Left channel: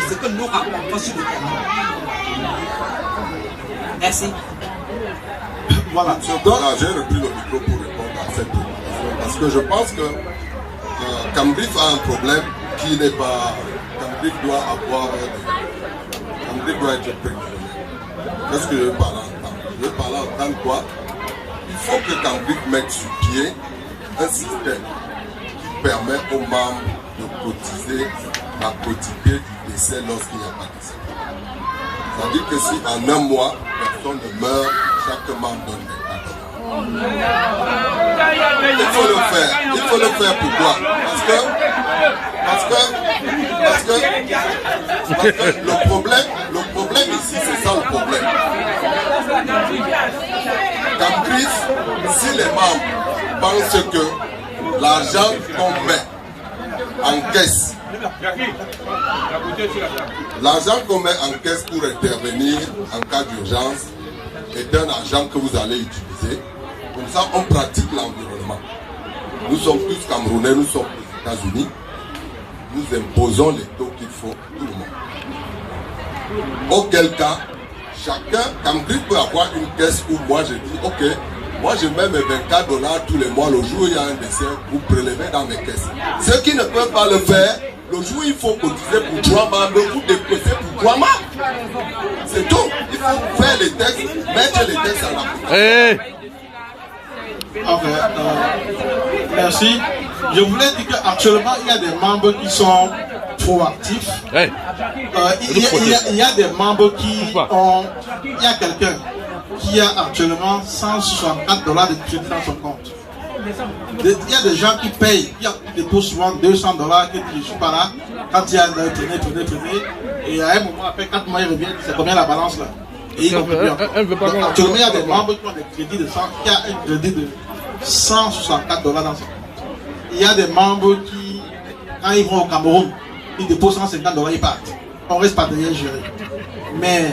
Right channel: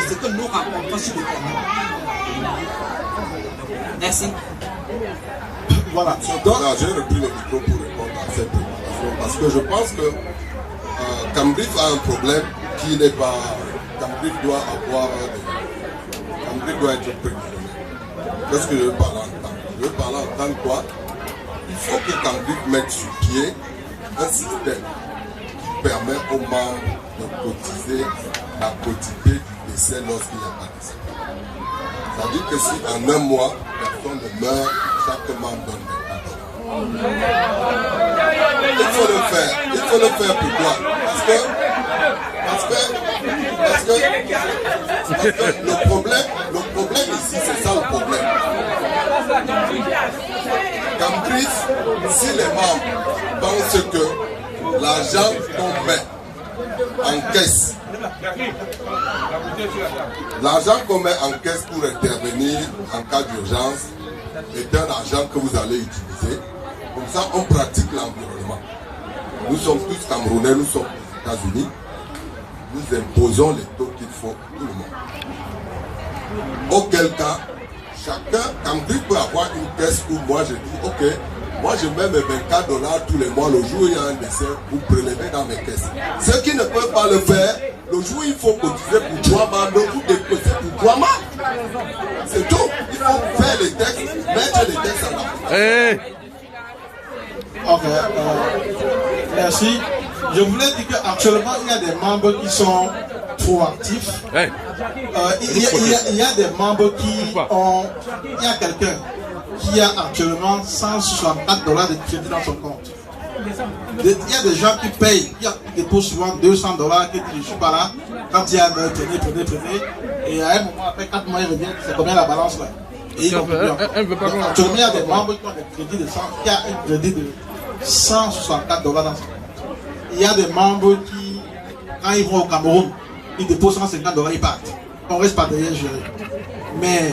de ce que nous rapportons sur le terrain. Merci. Voilà. J'ai repris le micro pour répondre à cette préoccupation parce que je pense que Cambridge a un problème qui n'est pas. Cambridge doit être préconisé. Qu'est-ce que je veux parler en tant? Je veux parler en tant que quoi? Il faut que Cambridge mette sur pied un système qui permet aux membres de cotiser la quotité du décès lorsqu'il n'y a pas de décès. C'est-à-dire que si en un mois, personne ne meurt, chaque membre donne des cadeaux. Il faut le faire. Il faut le faire pourquoi? Parce que le problème ici, c'est ça le problème. Cambridge, si les membres pensent que l'argent qu'on met en caisse, l'argent qu'on met en caisse pour intervenir en cas d'urgence est un argent que vous allez utiliser. Comme ça, on pratique l'environnement. Nous sommes tous Camerounais, nous sommes aux États-Unis. Nous imposons les taux qu'il faut tout le monde. Auquel cas, chacun, Cambridge peut avoir une caisse où moi je dis, ok, moi je mets mes $24 tous les mois, le jour où il y a un décès, vous prélevez dans mes caisses. Ceux qui ne peuvent pas le faire, le jour où il faut cotiser pour 3 membres, vous déposez pour 3 membres. C'est tout. Il faut faire les textes, mettre les textes en application. Ok, merci. Je voulais dire qu'actuellement, il y a des membres qui sont proactifs. Il y a des membres qui ont... Il y a quelqu'un qui a actuellement $164 de crédit dans son compte. Il y a des gens qui payent, qui déposent souvent $200, qui disent je suis pas là. Quand il y a de tenez. Et à un moment, après 4 mois, il revient, c'est combien la balance là? Et actuellement, il y a des membres qui ont des crédits de 100, qui a un crédit de $164 dans son compte. Il y a des membres qui, quand ils vont au Cameroun, ils déposent $150, ils partent. On reste pas derrière gérer. Mais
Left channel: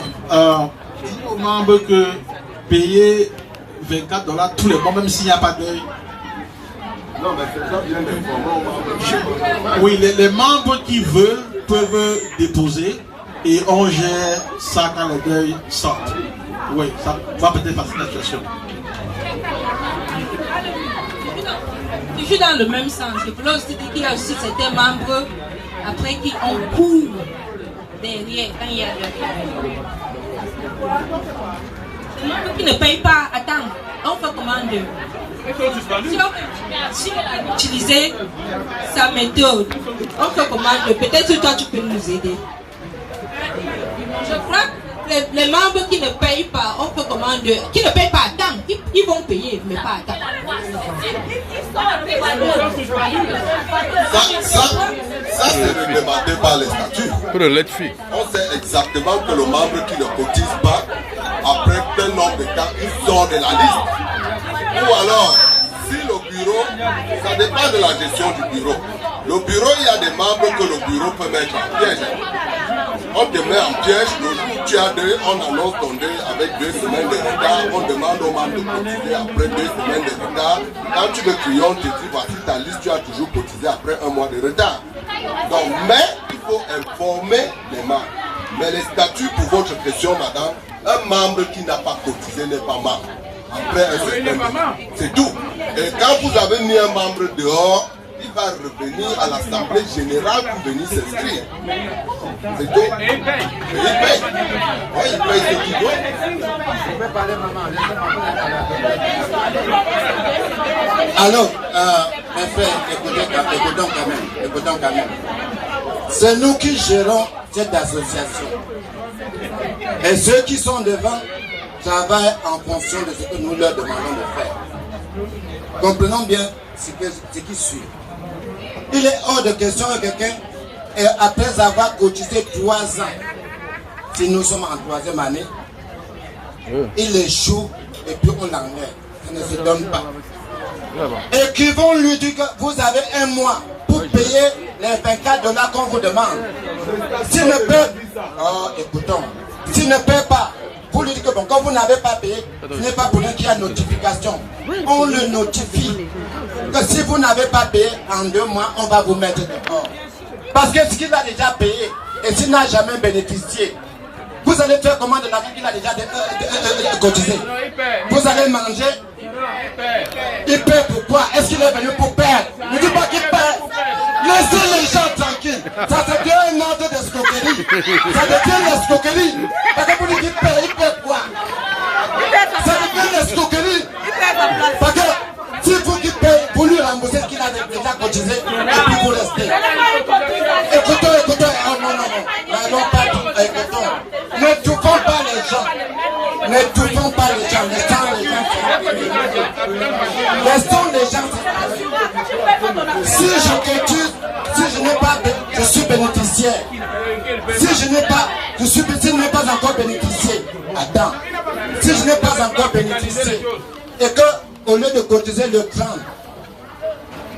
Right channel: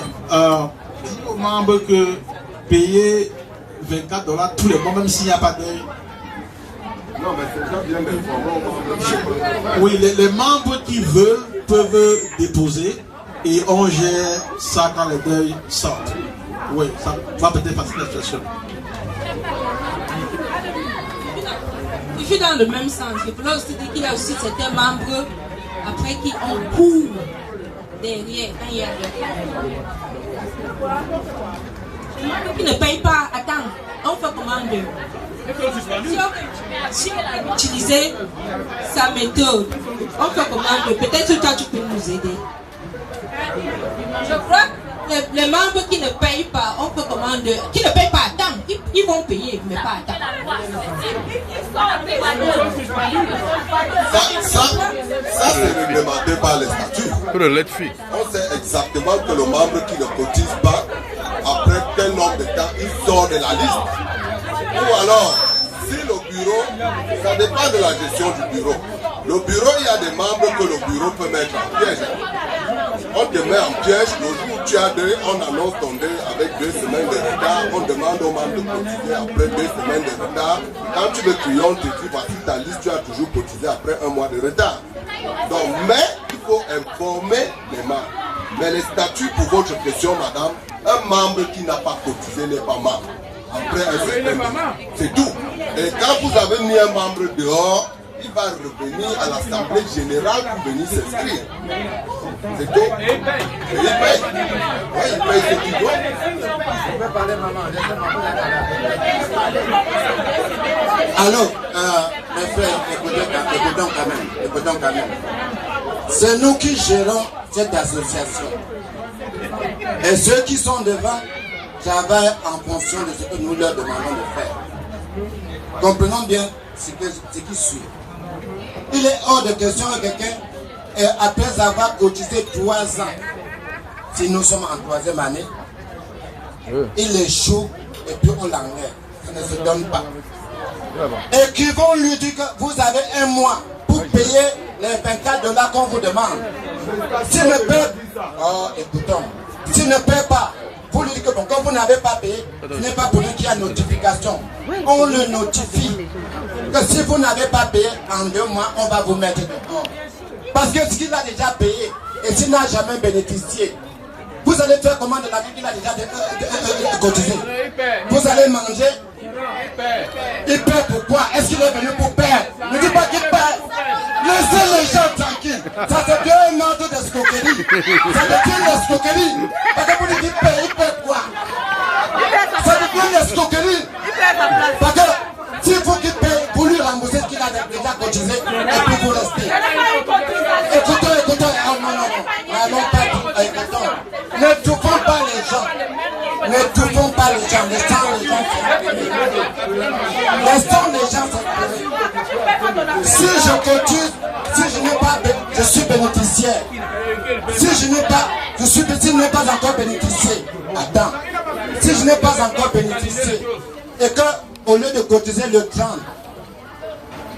aux membres que payer $24 tous les mois, même s'il n'y a pas d'œil. Non, mais c'est ça bien d'informer. Oui, les membres qui veulent peuvent déposer et on gère ça quand le deuil sort. Oui, ça va peut-être faciliter la situation. Je suis dans le même sens. Il faut aussi dire qu'il y a aussi certains membres après qui ont cours derrière quand il y a le membre qui ne paye pas. Attends, on fait comment si on peut utiliser sa méthode, on fait comment peut-être que toi tu peux nous aider. Je crois que les membres qui ne payent pas, on peut commander, qui ne payent pas à temps, ils vont payer, mais pas à temps. Ça c'est réglementé par les statuts. On sait exactement que le membre qui ne cotise pas, après tel nombre de temps, il sort de la liste. Ou alors, si le bureau, ça dépend de la gestion du bureau. Le bureau, il y a des membres que le bureau peut mettre en piège. On te met en piège, le jour où tu as deuil, on annonce ton deuil avec 2 semaines de retard, on demande aux membres de cotiser après 2 semaines de retard. Quand tu veux crier, on te dit, voici ta liste, tu as toujours cotisé après 1 mois de retard. Donc, mais il faut informer les membres. Mais les statuts, pour votre question, madame, un membre qui n'a pas cotisé n'est pas membre. Après un certain temps, c'est tout. Et quand vous avez mis un membre dehors, il va revenir à l'Assemblée générale pour venir s'inscrire. C'est tout. Et il paye. Oui, il paye ce qu'il doit. Alors, mes frères, écoutons quand même. C'est nous qui gérons cette association. Et ceux qui sont devant travaillent en fonction de ce que nous leur demandons de faire. Comprenons bien ce qui suit. Il est hors de question que quelqu'un, après avoir cotisé 3 ans, si nous sommes en 3e année, il échoue et puis on l'enlève. Ça ne se donne pas. Et qui vont lui dire que vous avez 1 mois pour payer les $24 qu'on vous demande. S'il ne paie, écoutons, s'il ne paie pas, vous lui dites que bon, quand vous n'avez pas payé, ce n'est pas pour lui qu'il y a notification. On le notifie que si vous n'avez pas payé en 2 mois, on va vous mettre dehors. Parce que ce qu'il a déjà payé, et s'il n'a jamais bénéficié, vous allez faire comment de la vie qu'il a déjà cotisé? Vous allez manger? Il paie pourquoi? Est-ce qu'il est venu pour perdre? Ne dis pas qu'il perd. Laissez les gens tranquilles. Ça se devient un ordre d'escroquerie. Ça devient l'escroquerie. Parce que vous dites qu'il paie, il paie quoi? Ça devient l'escroquerie. Parce que s'il faut qu'il paie pour lui rembourser ce qu'il a déjà cotisé, et puis vous restez. Écoutez, non, pas écoutons. Ne touchons pas les gens. Ne touchons pas les gens. Laissons les gens s'exprimer. Si je cotise, si je n'ai pas, je suis bénéficiaire. Si je n'ai pas, si je n'ai pas encore bénéficié, attends. Si je n'ai pas encore bénéficié, et que au lieu de cotiser le 30,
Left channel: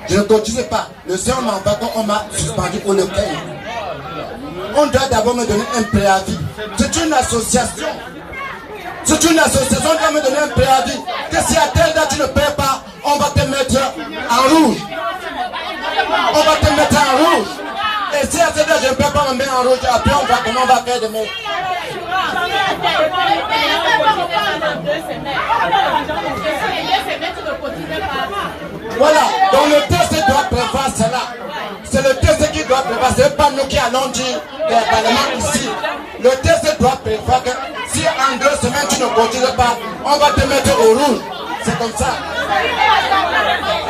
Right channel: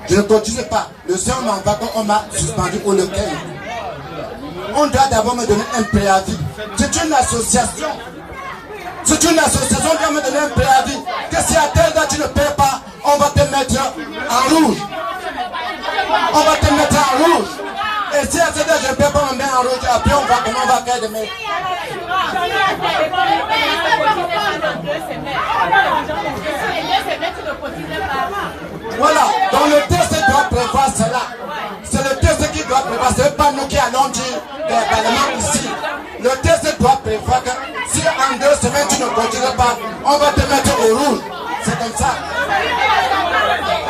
je ne cotise pas. Le seul mandat qu'on m'a suspendu pour le 15. On doit d'abord me donner un préavis. C'est une association. C'est une association qui va me donner un préavis. Que si à telle date tu ne paies pas, on va te mettre en rouge. On va te mettre en rouge. Et si à telle date je ne paie pas, on me met en rouge. Après on va comment on va faire demain. Voilà, donc le texte doit prévoir cela. C'est le texte qui doit prévoir, ce n'est pas nous qui allons dire dans le Parlement ici. Le texte doit prévoir que si en 2 semaines tu ne continues pas, on va te mettre au rouge. C'est comme ça.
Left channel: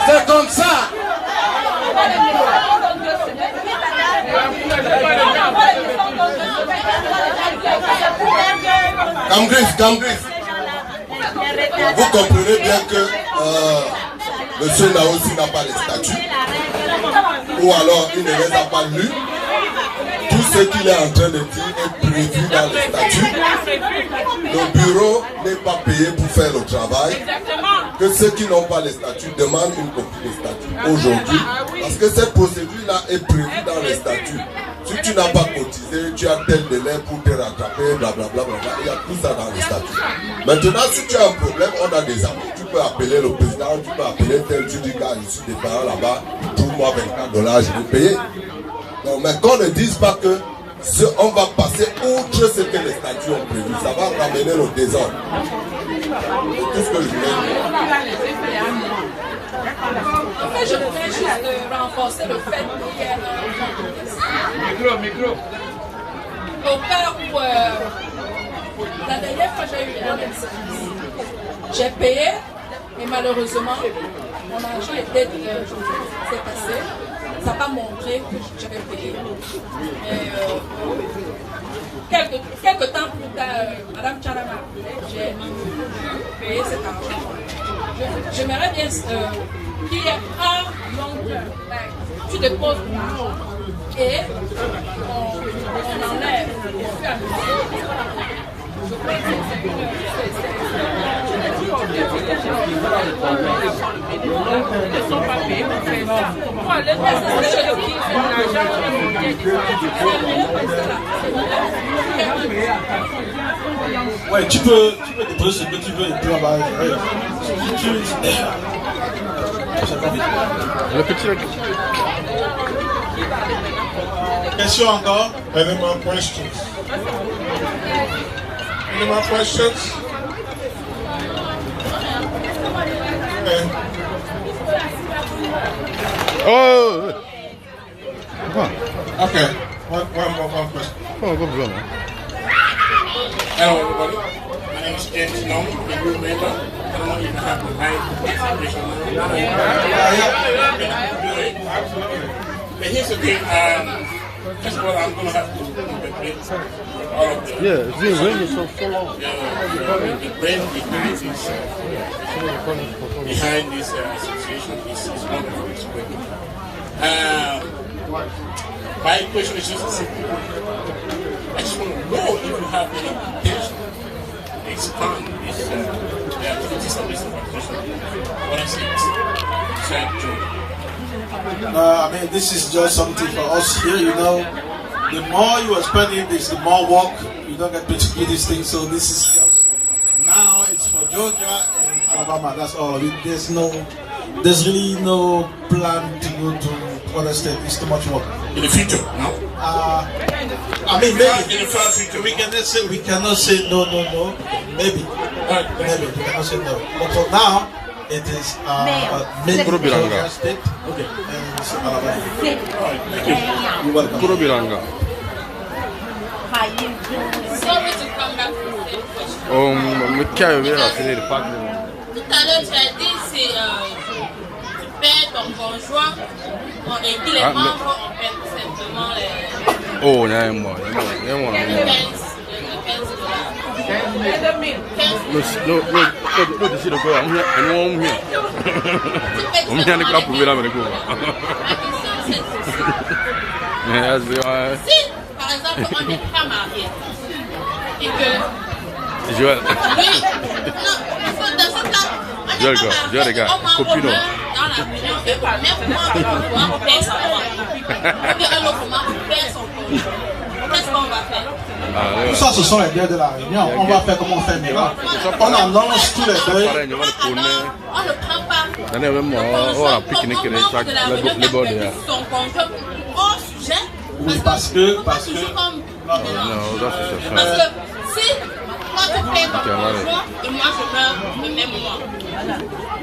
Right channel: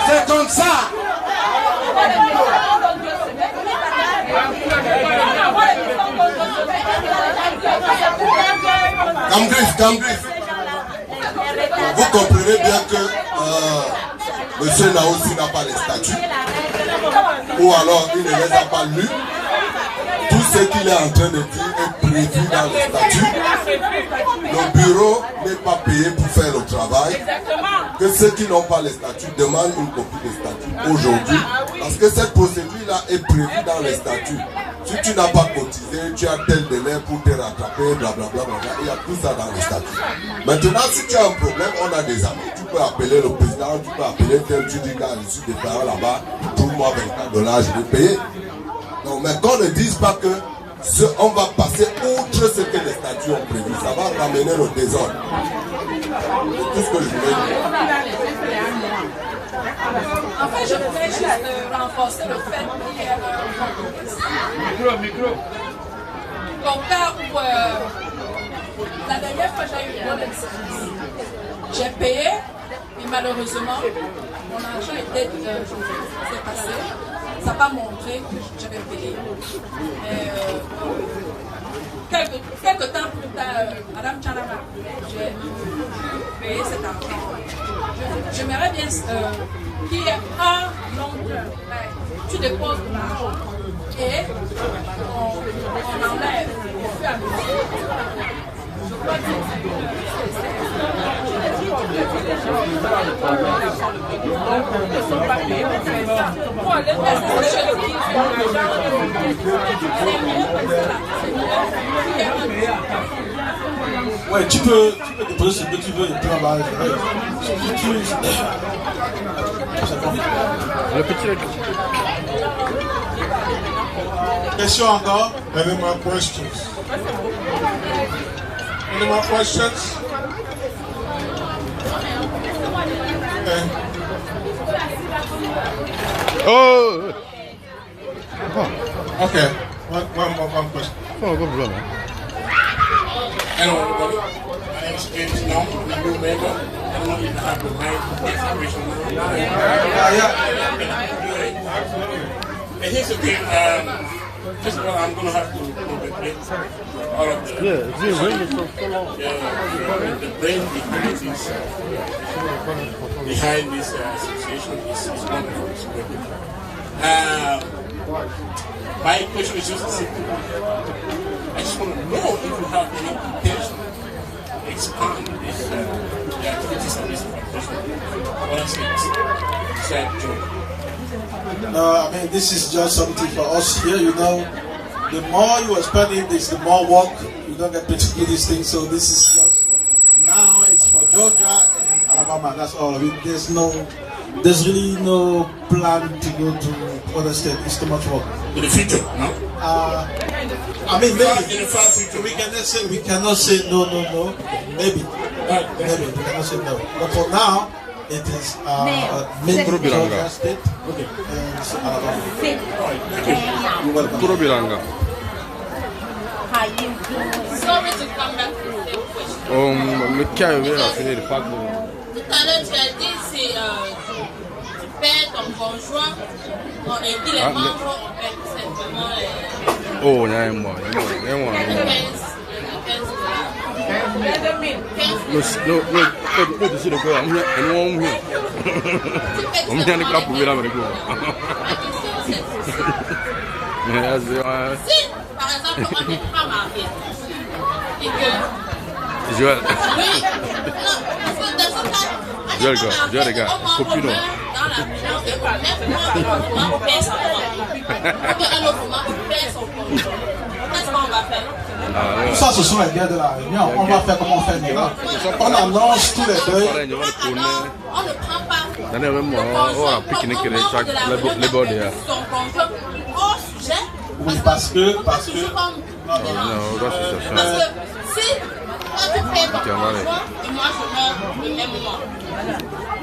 C'est comme ça. Cambrief. Vous comprenez bien que monsieur là aussi n'a pas les statuts, ou alors il ne les a pas lus. Tout ce qu'il est en train de dire est prévu dans les statuts. Le bureau n'est pas payé pour faire le travail. Que ceux qui n'ont pas les statuts demandent une copie des statuts aujourd'hui. Parce que cette procédure-là est prévue dans les statuts. Si tu n'as pas cotisé, tu as tel délai pour te rattraper, blablabla. Il y a tout ça dans les statuts. Maintenant, si tu as un problème, on a des amis. Tu peux appeler le président, tu peux appeler tel, tu dis qu'à l'issue des parents là-bas, pour moi, $24, je vais payer. Non, mais qu'on ne dise pas que on va passer outre ce que les statuts ont prévu. Ça va ramener au désordre. C'est tout ce que je voulais dire. En fait, je voulais juste renforcer le fait qu'il y ait micro. Au cas où la dernière fois j'ai eu un incident, j'ai payé et malheureusement mon argent était passé. Ça n'a pas montré que j'avais payé. Quelques temps plus tard, Madame Tchana m'a appelé, j'ai payé cet argent. J'aimerais bien qu'il y ait un long-term. Tu déposes l'argent et on enlève au fur et à mesure. Je crois que ouais, tu peux déposer ce que tu veux et puis on va. Le petit. Question encore? Any more questions? Any more questions? Oh! Okay. One question. Oh, no problem. Hello, everybody. My name is James Long. I'm a new member. I don't know if you have the right information. And here's the thing. First of all, I'm going to have to interpret all of the... Yeah, it's really so long. The brain behind this association is wonderful. It's great. My question is just simple. I just want to know if you have any intention to expand this, the activities of this organization. What I say is, I mean, this is just something for us here, you know. The more you are spending this, the more work. You don't get paid to do these things. So this is just, now it's for Georgia and Alabama. That's all. There's really no plan to go to other states. It's too much work. In the future, no? I mean, maybe in the far future. we cannot say no. Maybe. Maybe we cannot say no. But for now, it is Georgia State. Okay. You're welcome. Kurobiranga. Sorry to come back to the same question. Mais qui a eu à finir le parc? Tout à l'heure, tu as dit c'est tu paies ton conjoint et puis les membres on paie tout simplement les. Oh, non, moi. Les 15 No, tu sais de quoi? On vient de quoi pour venir avec vous? Si, par exemple, on n'est pas marié et que. Joël. Oui, non, dans ce cas, Joël, les gars, copino. dans la maison, on paie son conjoint. Qu'est-ce qu'on va faire? Tout ça, ce sont les biens de la réunion. On va faire comme on fait maintenant. On annonce tous les deuils. On ne prend pas. Dans les mêmes mois, on a pique-nique les bords derrière. Son conjoint au sujet. Oui, parce que. Non, Parce que si toi tu payes ton conjoint et moi je meurs le même mois,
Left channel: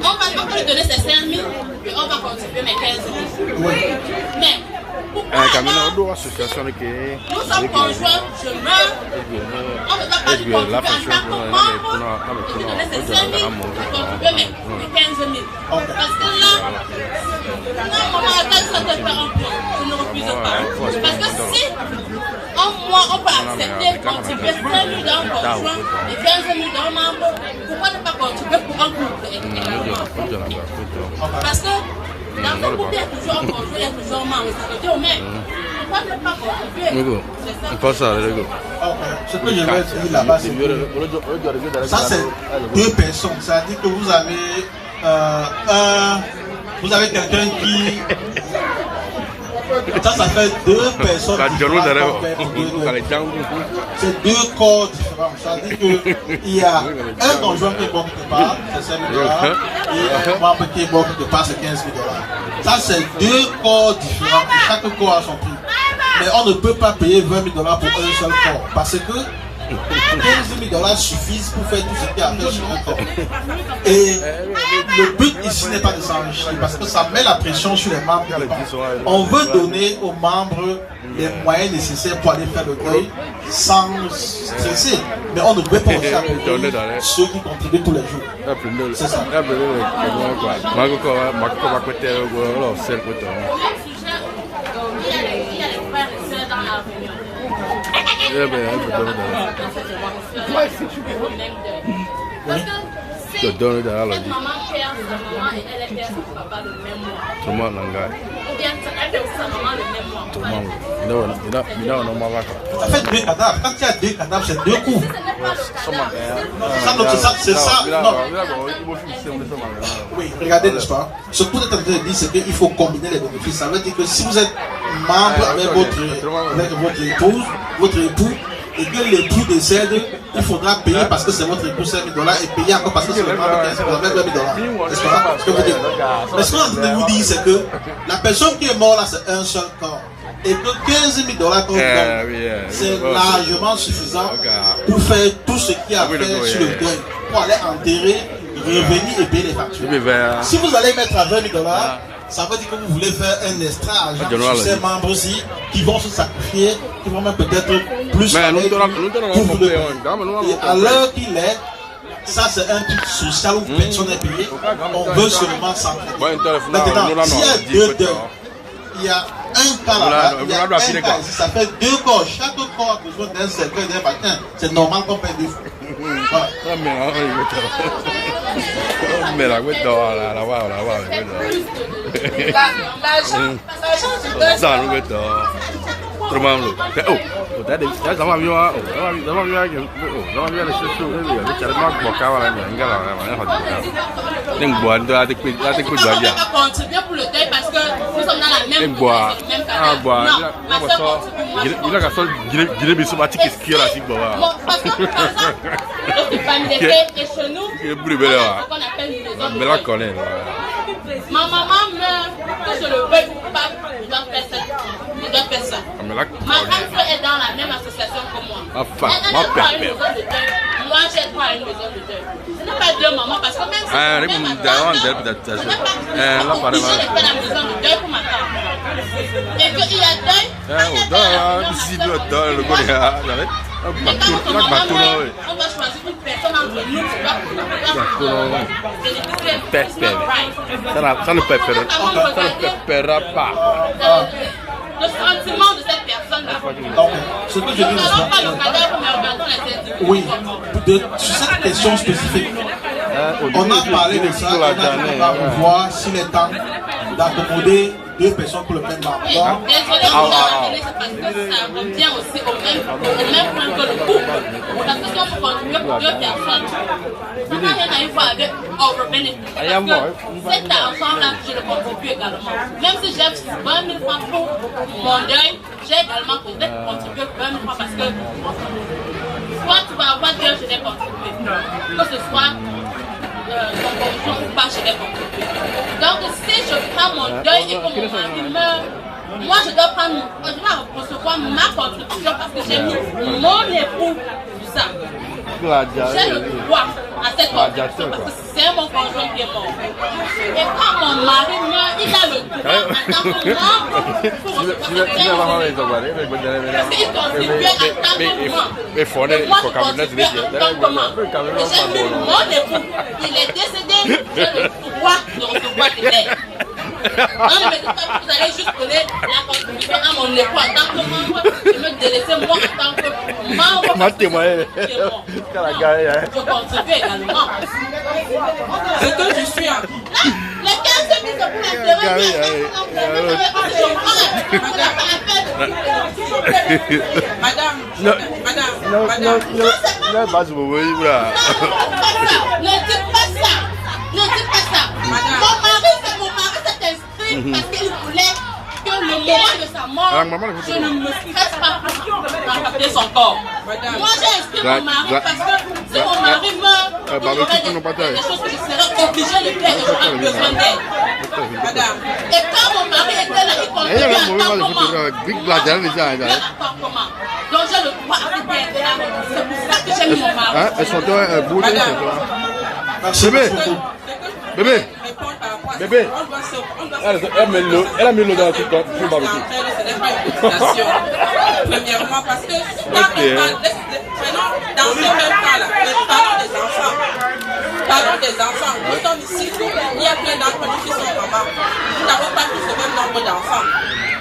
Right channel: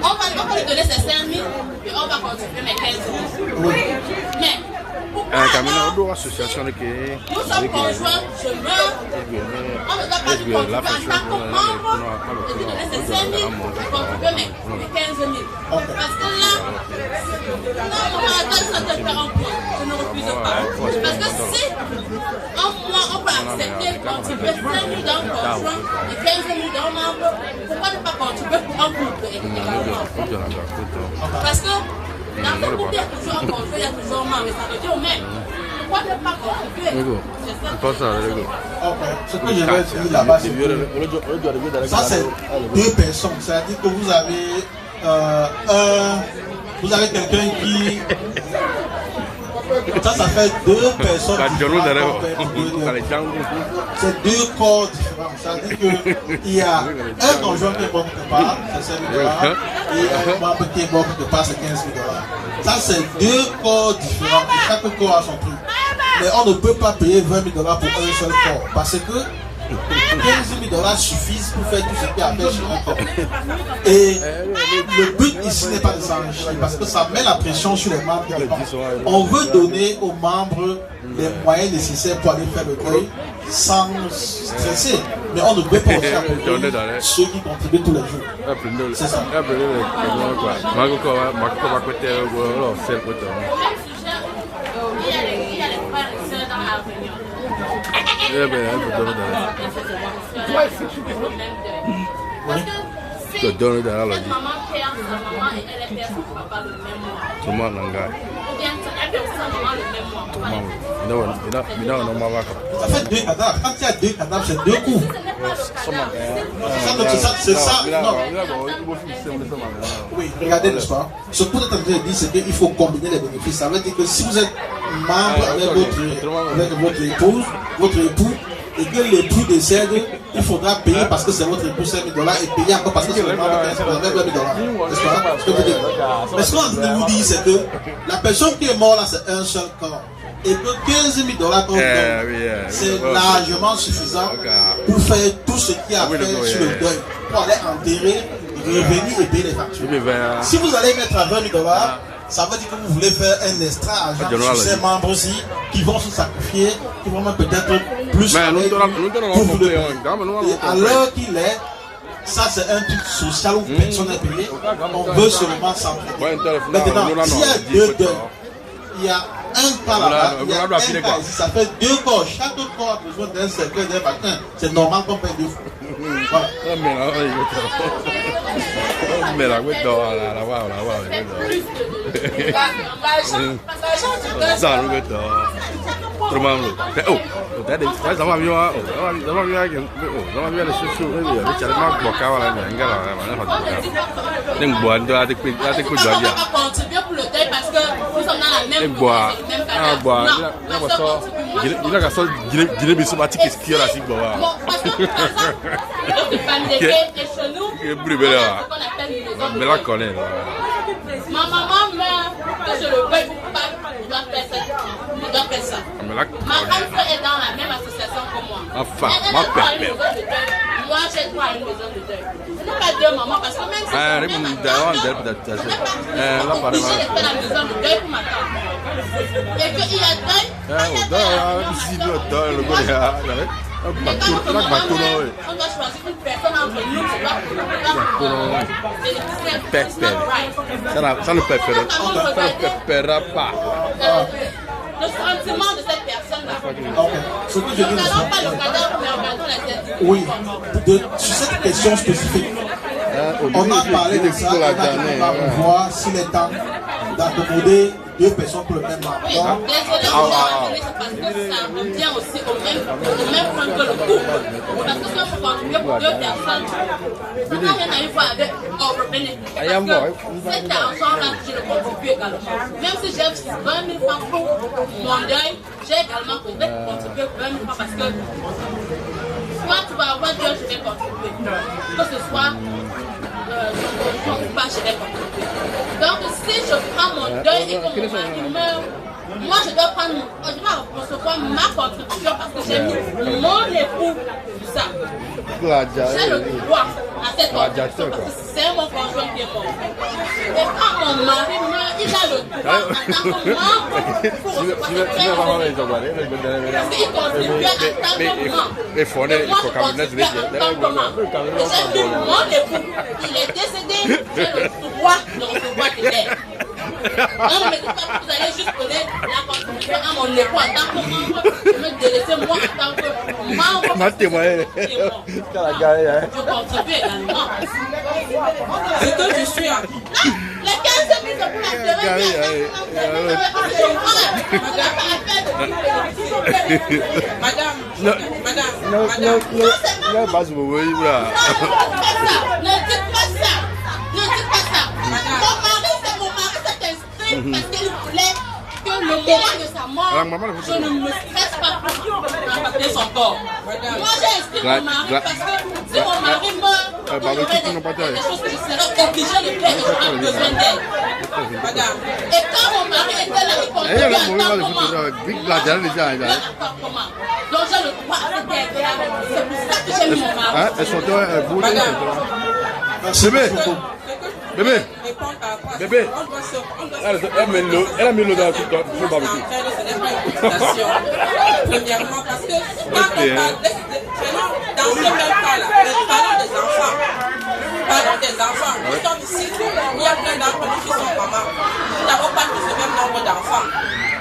on va lui donner ses 5 000 et on va contribuer mes 15 000. Oui. Mais Un camion d'autres associations qui nous sommes conjoints, je meurs, on ne doit pas lui contribuer en tant que membre, je lui donner ses 5 000 et contribuer mes 15 000. Parce que là, non, maman, attends, ça te fait un point, je ne refuse pas. Parce que si en mois on peut accepter contribuer 5 000 d'un conjoint et 15 000 d'un membre, pourquoi ne pas contribuer pour un couple également? Parce que la communauté est toujours un conjoint, il y a toujours un membre, ça veut dire mais pourquoi ne pas contribuer? on passe à l'ego. Ce que je vais dire là-bas, c'est que ça, c'est 2 personnes. C'est-à-dire que vous avez quelqu'un qui. Ça fait 2 personnes. C'est 2 corps différents. C'est-à-dire qu'il y a un conjoint qui est bon quelque part, c'est 5 000 $, et un membre qui est bon quelque part, c'est 15 000 $. Ça, c'est 2 corps différents. Et chaque corps a son prix. Mais on ne peut pas payer 20 000 $ pour un seul corps. Parce que 15 000 $ suffisent pour faire tout ce qu'il y a à faire sur un corps. Et le but ici n'est pas de s'enrichir parce que ça met la pression sur les membres. On veut donner aux membres les moyens nécessaires pour aller faire le deuil sans stresser. Mais on ne peut pas faire ceux qui contribuent tous les jours. C'est ça. Il y a les frères et sœurs dans la réunion. Tu donnes de la maman perd sa maman et elle perd son papa le même mois. Tout le monde n'engage. Ou bien elle perd sa maman le même mois. Tout le monde. Ça fait 2 cadavres. Quand il y a 2 cadavres, c'est 2 coups. C'est ça. Non. Oui, regardez, n'est-ce pas? Ce que vous êtes en train de dire, c'est qu'il faut combiner les bénéfices. Ça veut dire que si vous êtes membre avec votre épouse, votre époux, et que l'époux décède, il faudra payer parce que c'est votre époux 5 000 $ et payer encore parce que c'est le membre qui a 20 000 $. Est-ce que vous dites? Mais ce qu'on est en train de vous dire, c'est que la personne qui est morte là, c'est un seul corps. Et que 15 000 $ qu'on donne, c'est largement suffisant pour faire tout ce qu'il y a à faire sur le deuil, pour aller enterrer, revenir et payer les factures. Si vous allez mettre à 20 000 $, ça veut dire que vous voulez faire un extra argent sur ces membres aussi qui vont se sacrifier, qui vont même peut-être plus pour vous le payer. Et alors qu'il est, ça c'est un truc social où personne n'est payé, on veut seulement s'entraider. Maintenant, s'il y a 2 deuils, il y a un cas là-bas, il y a un cas ici, ça fait 2 corps, chaque corps a besoin d'un cercueil, d'un vaccin, c'est normal qu'on paye 2 fois. Ma maman meurt, que je le veuille pas, je dois faire ça. Ma grande sœur est dans la même association que moi. Elle a droit à une maison de deuil. Moi, j'ai droit à une maison de deuil. Ce n'est pas deux mamans parce que même si on est obligé de faire la maison de deuil pour ma tante. Et qu'il y a deuil, on doit choisir une personne entre nous qui doit bénéficier. Ça ne pépera pas. Le sentiment de cette personne-là. Ce que je dis, oui, sur cette question spécifique, on a parlé de ça, on a voir s'il est temps d'accommoder 2 personnes pour le même emploi. Désolé, on va donner ça parce que ça revient aussi au même point que le couple. Parce que si on peut contribuer pour 2 personnes, ça n'a rien à voir avec over-benefit. Parce que cet argent-là, je le contribue également. Même si j'ai 20 000 francs pour mon deuil, j'ai également contribué 20 000 francs parce que soit tu vas avoir 2, je vais contribuer. Que ce soit pas je vais contribuer. Donc si je prends mon deuil et que mon mari meurt, moi je dois recevoir ma contribution parce que j'ai mis mon époux sur ça. J'ai le droit à cette contribution parce que c'est mon conjoint qui est mort. Et quand mon mari meurt, il a le droit en tant que membre pour recevoir cette parce qu'il contribuait en tant que membre. Et moi je contribuais en tant que membre. Et j'ai mis mon époux. Il est décédé, j'ai le droit de recevoir des aides. Non, ne me dites pas que vous allez juste connaître la contribution à mon époux en tant que membre et me délaisser moi en tant que membre. Je contribue également. C'est que je suis à... Les 15 000 de Madame, ne dites pas ça. Ne dites pas ça. Mon mari, s'est inscrit parce qu'il voulait que le moment de sa mort, je ne me stresse pas pour rapporter son corps. Moi, j'ai inscrit mon mari parce que si mon mari meurt, j'aurais des choses que je serais obligée de faire et j'aurais besoin d'aide. Et quand mon mari était là, il contribuait à appartement. Donc j'ai le droit à cette aide-là. C'est pour ça que j'ai mis mon mari. Bébé. Bébé. Elle a mis l'eau dans le barbecue. Premièrement, parce que dans ce même cas-là, les parents des enfants, nous sommes ici, il y a plein d'enfants qui sont mamans. Nous n'avons pas tous le même nombre d'enfants.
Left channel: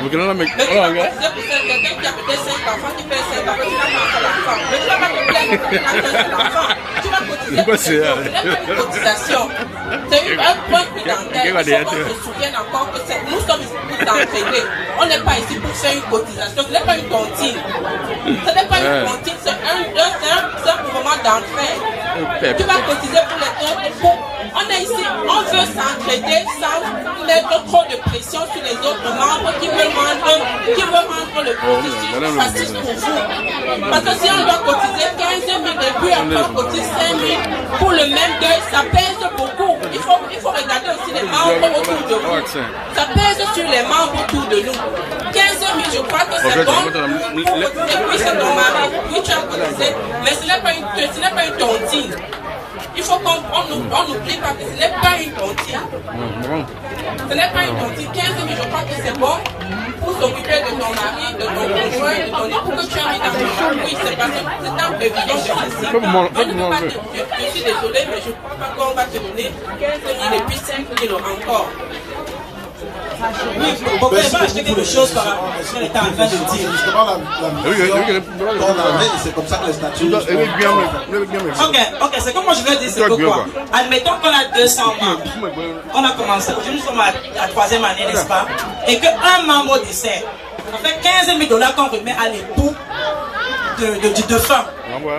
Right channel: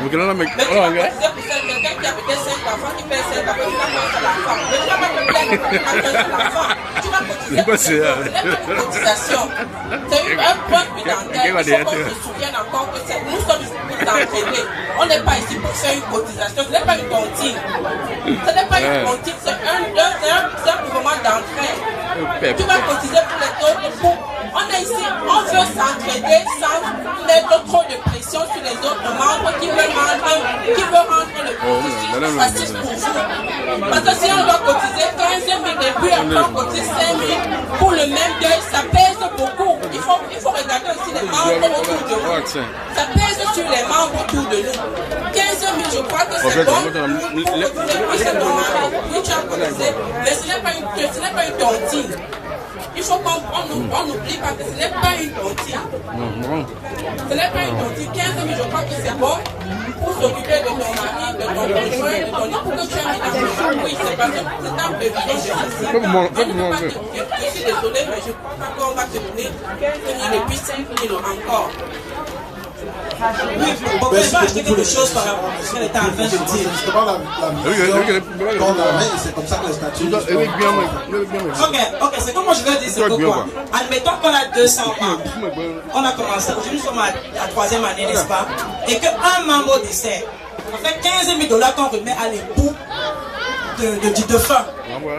Mais c'est pour quelqu'un qui a peut-être 5 enfants, qui fait 5 enfants, qui n'a pas un seul enfant. Mais tu ne vas pas te plaindre que tu n'as qu'un seul enfant. Tu vas cotiser. C'est une cotisation. C'est un point prudentiel. Il faut qu'on se souvienne encore que nous sommes ici pour t'entraîner. On n'est pas ici pour faire une cotisation. Ce n'est pas une tontine. Ce n'est pas une tontine. C'est un mouvement d'entraide. Tu vas cotiser pour les autres. On est ici, on veut s'entraider sans mettre trop de pression sur les autres membres qui veulent rendre le processus facile pour vous. Parce que si on doit cotiser 15 000 et puis après on cotise 5 000 pour le même deuil, ça pèse beaucoup. Il faut regarder aussi les membres autour de vous. Ça pèse sur les membres autour de nous. 15 000, je crois que c'est bon pour cotiser, puis c'est ton mari, puis tu as cotisé. Mais ce n'est pas une tontine. Il faut qu'on n'oublie pas que ce n'est pas une tontine. Ce n'est pas une tontine. 15 000, je crois que c'est bon pour s'occuper de ton mari, de ton conjoint, de ton époux que tu as mis dans ton champ. Oui, c'est parce que c'est un prévision de ceci. Je suis désolé, mais je ne crois pas qu'on va te donner 15 000 et puis 5 000 encore. Oui, on peut pas acheter quelque chose par rapport à ce qu'elle était en train de dire. Justement, la c'est comme ça que les statuts. Ok, c'est comme moi je vais dire, c'est pourquoi. Admettons qu'on a 200 membres. On a commencé, aujourd'hui nous sommes à la 3e année, n'est-ce pas? Et qu'un membre décède. Ça fait 15 000 $ qu'on remet à l'époux du défunt.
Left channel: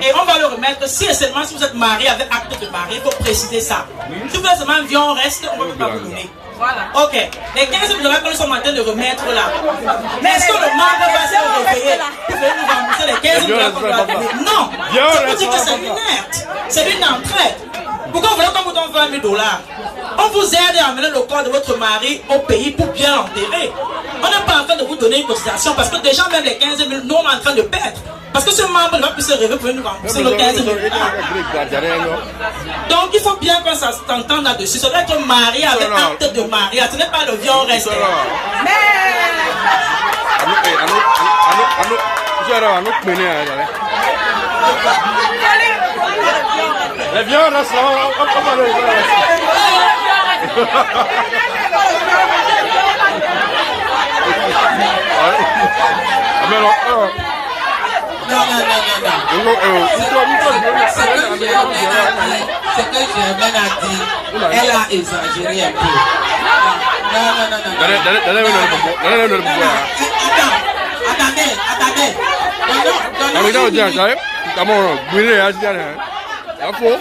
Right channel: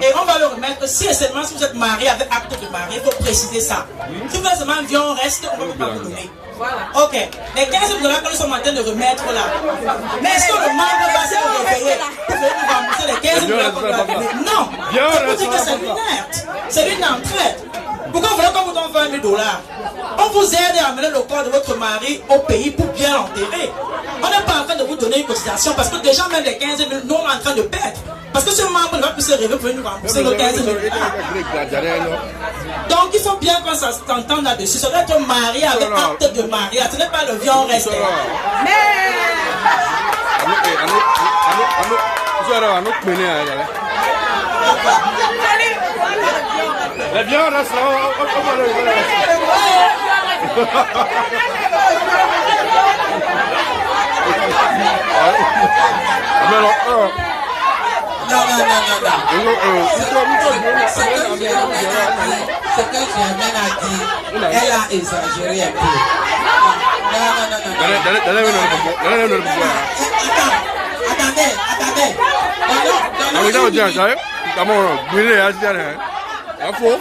Et on va le remettre si et seulement si vous êtes marié avec acte de mariage, il faut préciser ça. Si vous êtes seulement vieux, on reste, on ne va pas vous donner. Voilà. Ok. Les 15 000 $ que nous sommes en train de remettre là. Mais est-ce que le membre va se réveiller pour venir nous rembourser les 15 000 $ qu'on doit payer? Non. Ça veut dire que c'est inerte. C'est une entraide. Pourquoi vous voulez qu'on vous donne 20 000 $? On vous aide à amener le corps de votre mari au pays pour bien l'enterrer. On n'est pas en train de vous donner une cotisation parce que déjà, même les 15 000, nous, on est en train de perdre. Parce que ce membre ne va plus se réveiller pour nous rembourser le 15 000. Donc, il faut bien qu'on s'entende là-dessus. Ça doit être marié avec acte de mariage. Ce n'est pas le viol resté. Les viandes là, ça Non. Ce que Germaine a dit, elle a exagéré un peu.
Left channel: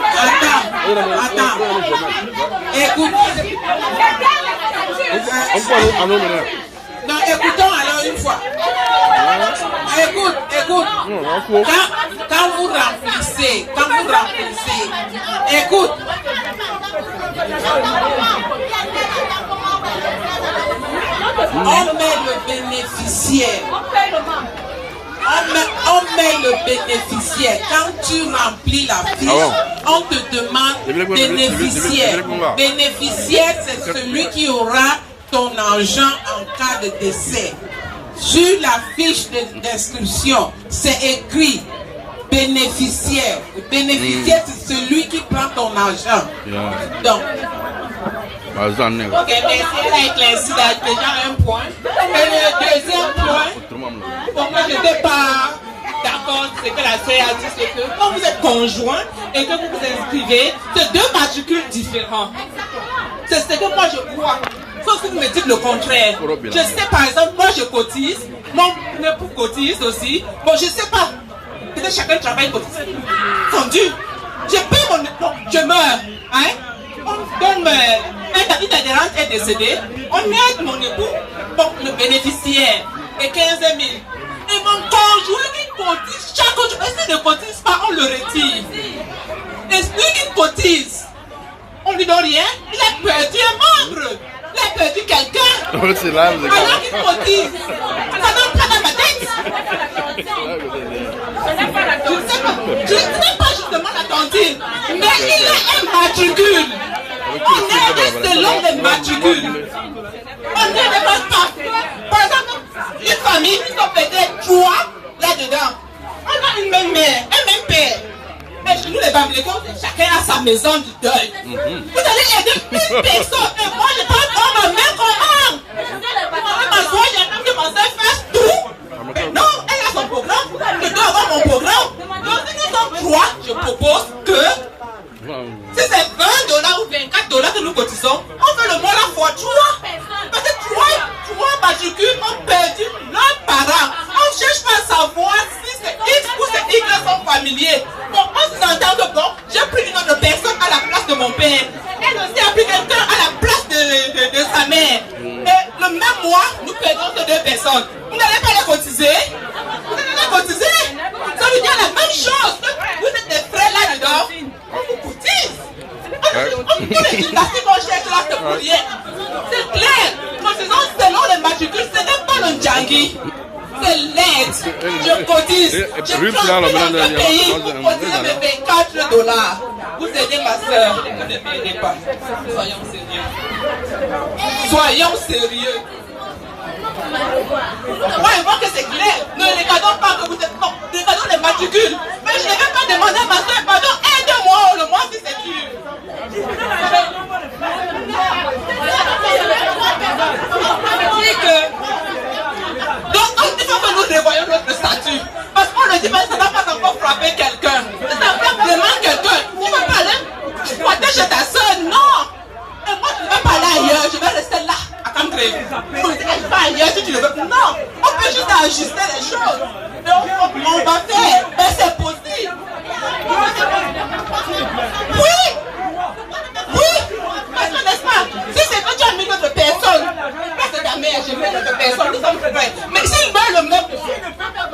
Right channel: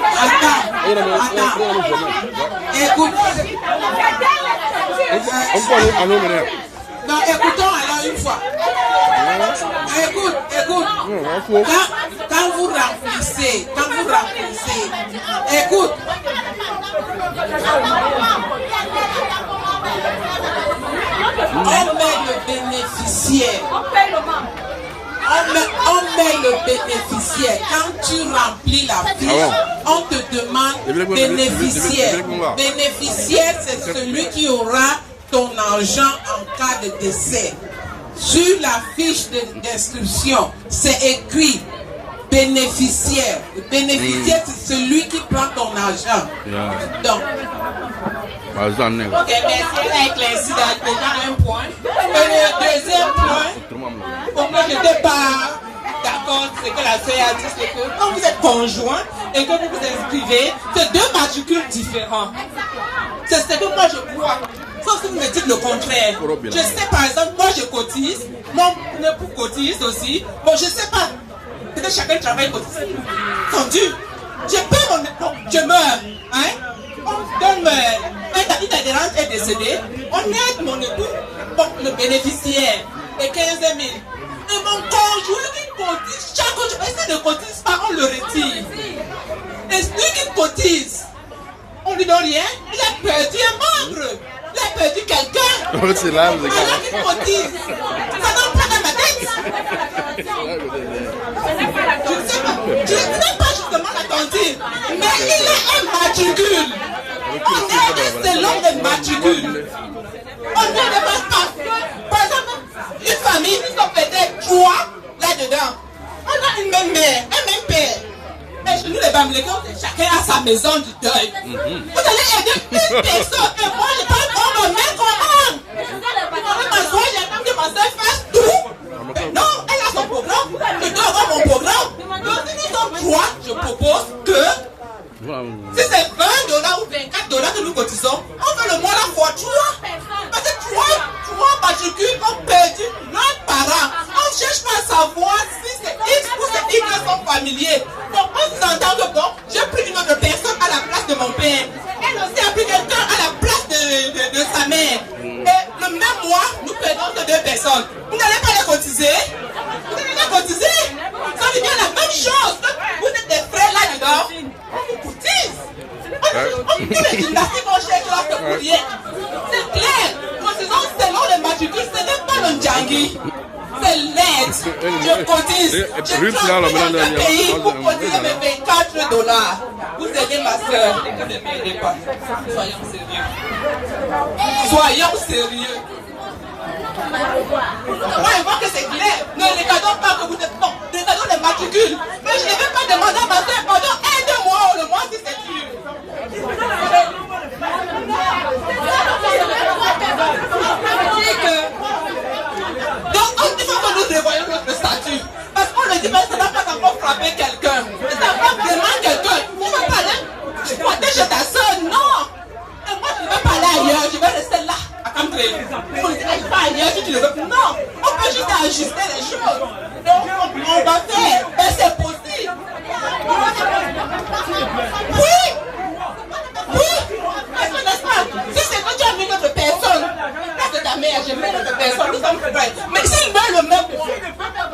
Non, écoutons alors une fois. Écoute. Quand vous remplissez, écoute. On met le bénéficiaire. On met le bénéficiaire. Quand tu remplis la fiche, on te demande bénéficiaire. Bénéficiaire, c'est celui qui aura ton argent en cas de décès. Sur la fiche d'inscription, c'est écrit bénéficiaire. Le bénéficiaire, c'est celui qui prend ton argent. Donc, ok, merci, elle a éclairci déjà un point. Et le deuxième point, pour moi, je n'étais pas d'accord, c'est que la CA dit, c'est que quand vous êtes conjoint et que vous vous inscrivez, c'est deux matricules différents. C'est ce que moi je crois. Sauf que vous me dites le contraire. Je sais par exemple, moi je cotise, mon époux cotise aussi. Bon, je sais pas. Peut-être chacun travaille cotise. Tendu. Je paie mon époux, je meurs. Hein? Comme une adhérente est décédée, on aide mon époux, donc le bénéficiaire, et 15 000. Et mon conjoint qui cotise, chaque jour, s'il ne cotise pas, on le retire. Et celui qui cotise, on ne lui donne rien, il a perdu un membre. Il a perdu quelqu'un. C'est là, vous êtes alors qu'il cotise. Ça donne pas dans ma tête. Je ne sais pas justement la cantine, mais il a un matricule. On est selon les matricules. On ne dépasse pas. Par exemple, une famille, ils sont peut-être 3 là-dedans. On a une même mère, un même père. Mais chez nous, les Bamilekans, chacun a sa maison du deuil. Vous allez aider une personne et moi, je parle comme un mec comment. Ma soeur, j'ai entendu que ma soeur fasse tout. Mais non, elle a son programme. Je dois avoir mon programme. Donc, si nous sommes 3, je propose que si c'est $20 ou $24 que nous cotisons, on fait le mois la fois 3. Parce que 3 matricules ont perdu leurs parents. On ne cherche pas à savoir si c'est X ou c'est Y sont familiers. Bon, on s'entend que bon, j'ai pris une autre personne à la place de mon père. Elle aussi a pris quelqu'un à la place de sa mère. Et le même mois, nous perdons ces 2 personnes. Vous n'allez pas les cotiser? Vous allez les cotiser? Ça veut dire la même chose. Vous êtes des frères là-dedans. On vous cotise. On fait les gymnastiques, on cherche là pour rien. C'est clair. Nous faisons selon les matricules, ce n'est pas le Djangi. C'est net. Je cotise. Je travaille dans le pays pour cotiser mes $24. Vous aidez ma soeur. Vous ne m'aidez pas. Soyons sérieux. Soyons sérieux. Moi, je vois que c'est clair. Ne regardons pas que vous êtes bon. Regardons les matricules. Mais je ne vais pas demander à ma soeur, pardon, aide-moi le mois si c'est dur. Donc, il faut que nous revoyons notre statut. Parce qu'on le dit, mais ça ne va pas encore frapper quelqu'un. Ça va pas vraiment quelqu'un. Tu ne vas pas aller protéger ta soeur, non. Et moi, je ne vais pas aller ailleurs. Je vais rester là. Vous ne direz pas ailleurs si tu ne veux plus. Non, on peut juste ajuster les choses. Donc, on va faire. Et c'est possible. Oui. Parce que n'est-ce pas, si c'est que tu as mis notre personne, parce que ta mère, j'ai mis notre personne, nous sommes prêts. Mais s'il veut le même point,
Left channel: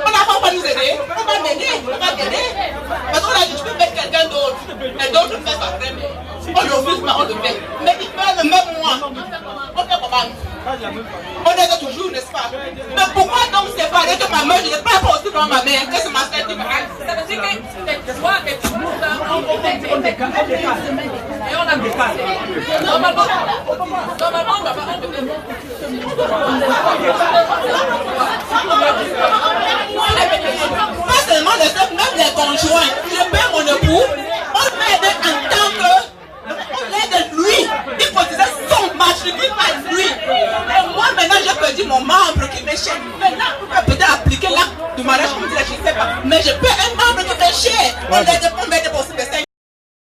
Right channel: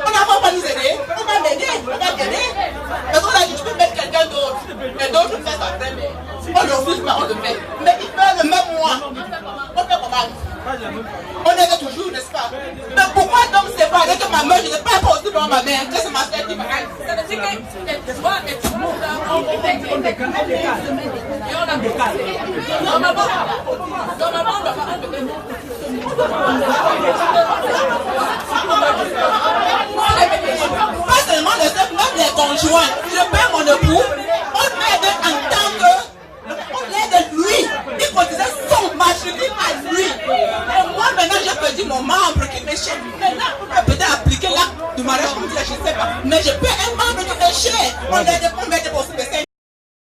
on n'a pas nous aider, on va m'aider, on va t'aider. Parce qu'on a dit, tu peux mettre quelqu'un d'autre. Et d'autres le mettent après. On ne refuse pas, on le met. Mais il fait le même mois. On fait comment? On est toujours, n'est-ce pas? Mais pourquoi donc séparer que ma mère n'est pas possible dans ma mère? Qu'est-ce que ma fête dit? Ça veut dire que les droits et tout le monde ont été et on a des cas. Normalement, pas seulement le sexe, même les conjoints. Je paie mon époux, on m'aide en tant que. On aide lui. Il faut dire son matricule à lui. Et moi maintenant j'ai perdu mon membre qui m'est cher. Maintenant on peut peut-être appliquer l'acte du mariage comme je ne sais pas. Mais je peux un membre qui m'est cher. On m'aide pour se baisser.